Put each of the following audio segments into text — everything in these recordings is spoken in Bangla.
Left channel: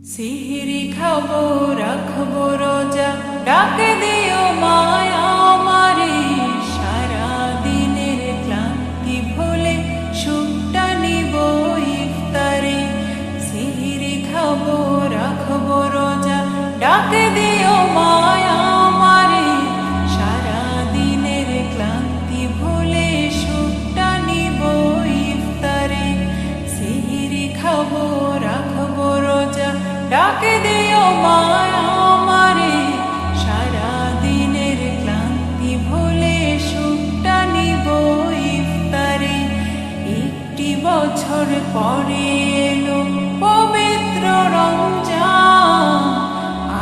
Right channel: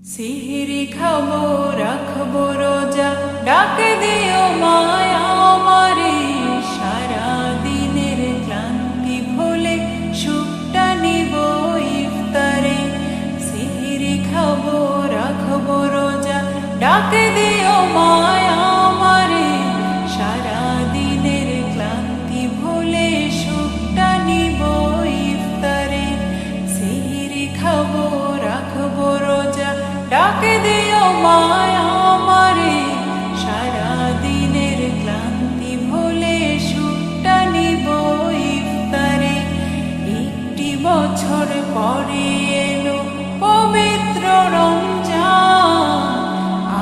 সিহিরি খাবো রাখবো রোজা, ডাকে দিও মায়া আমারে। সারা দিনের ক্লান্তি ভুলে সুখটা নিব ইফতারে। সিহিরি খাবো রাখবো রোজা, ডাকে দিও মায়া আমারে। সারা দিনের ক্লান্তি ভুলে সুখটা নিব ইফতারে। সিহিরি খাবো রাখবো রোজা, ডাকে দিও মায়া আমারে। সারা দিনের ক্লান্তি ভুলে সুখটা নিব ইফতারে। একটি বছর পরে এলো পবিত্র রমজান,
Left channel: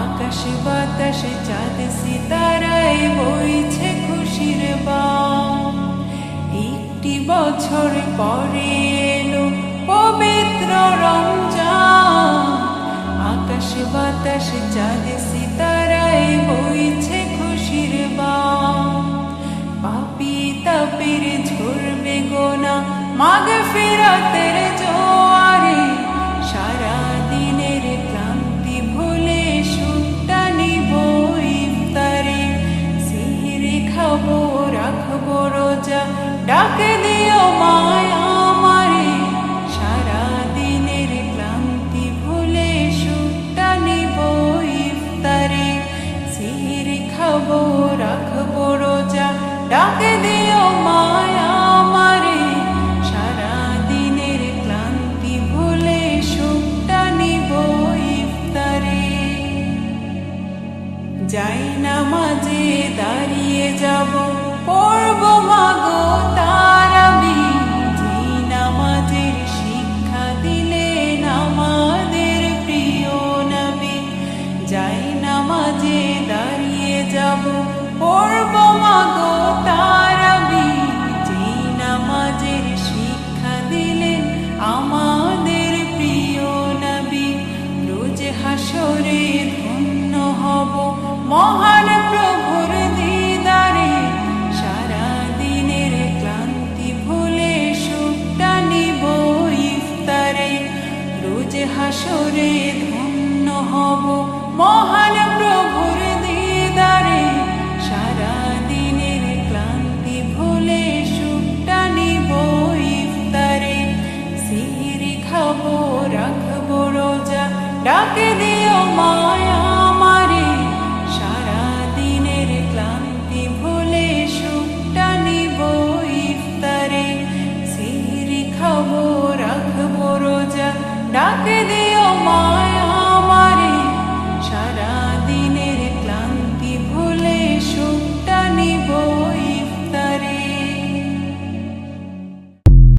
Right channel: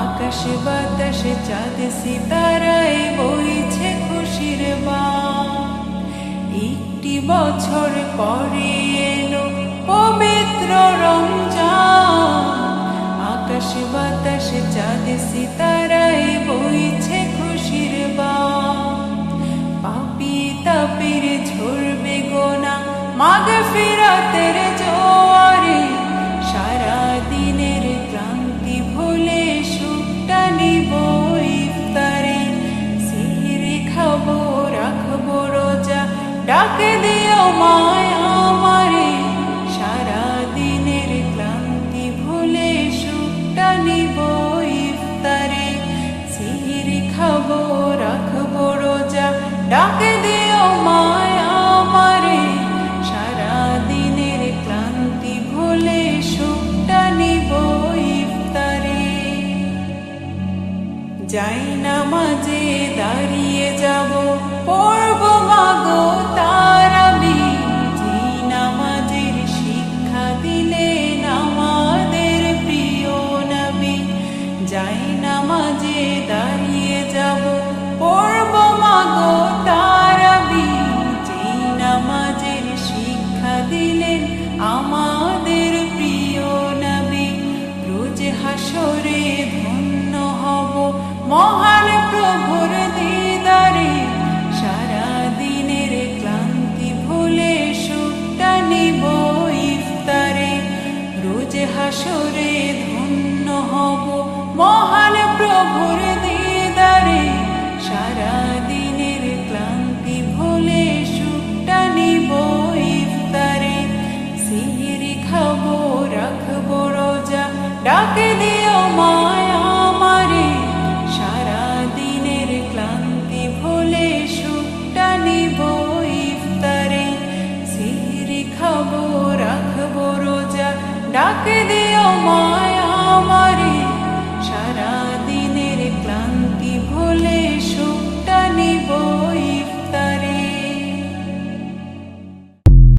আকাশে বাতাসে চাঁদ সিতারায় বইছে খুশির বান। একটি বছর পরে এলো পবিত্র রমজান, আকাশে বাতাসে চাঁদ সিতারায় বইছে খুশির বান। পাপী তাপীর ঝরবে গোনা মাগফিরাতের জোয়ারে। সারা দিনের ক্লান্তি ভুলে সুখটা নিব ইফতারে। সিহিরি খাবো রাখবো রোজা, ডাকে দিও মায়া আমারে। সারা দিনের ক্লান্তি ভুলে সুখটা নিব ইফতারে। সিহিরি খাবো রাখবো রোজা, ডাকে দিও মায়া আমারে। সারা দিনের ক্লান্তি ভুলে সুখটা নিব ইফতারে। যাই নামাজে দাঁড়িয়ে যাব, পড়ব মাগো তারাবি। যে নামাজের শিক্ষা দিলেন আমাদের প্রিয় নবী। যাই নামাজে দাঁড়িয়ে যাব, পড়ব মাগো তারাবি। যে নামাজের শিক্ষা দিলেন আমাদের প্রিয় নবী। রোজ হাসরে ধন্য হব মহান প্রভুর দিদারে। সারা দিনের ক্লান্তি ভুলে সুখটা নিব ইফতারে। রোজ হাসরে ধন্য হব মহান প্রভুর দিদারে। সারা দিনের ক্লান্তি ভুলে সুখটা নিব ইফতারে। সিহিরি খাবো রাখবো রোজা, ডাকে দিও মায়া আমারে। সারা দিনের ক্লান্তি ভুলে সুখটা নিব ইফতারে। সিহিরি খাবো রাখবো রোজা, ডাকে দিও মায়া আমারে। সারা দিনের ক্লান্তি ভুলে সুখটা নিব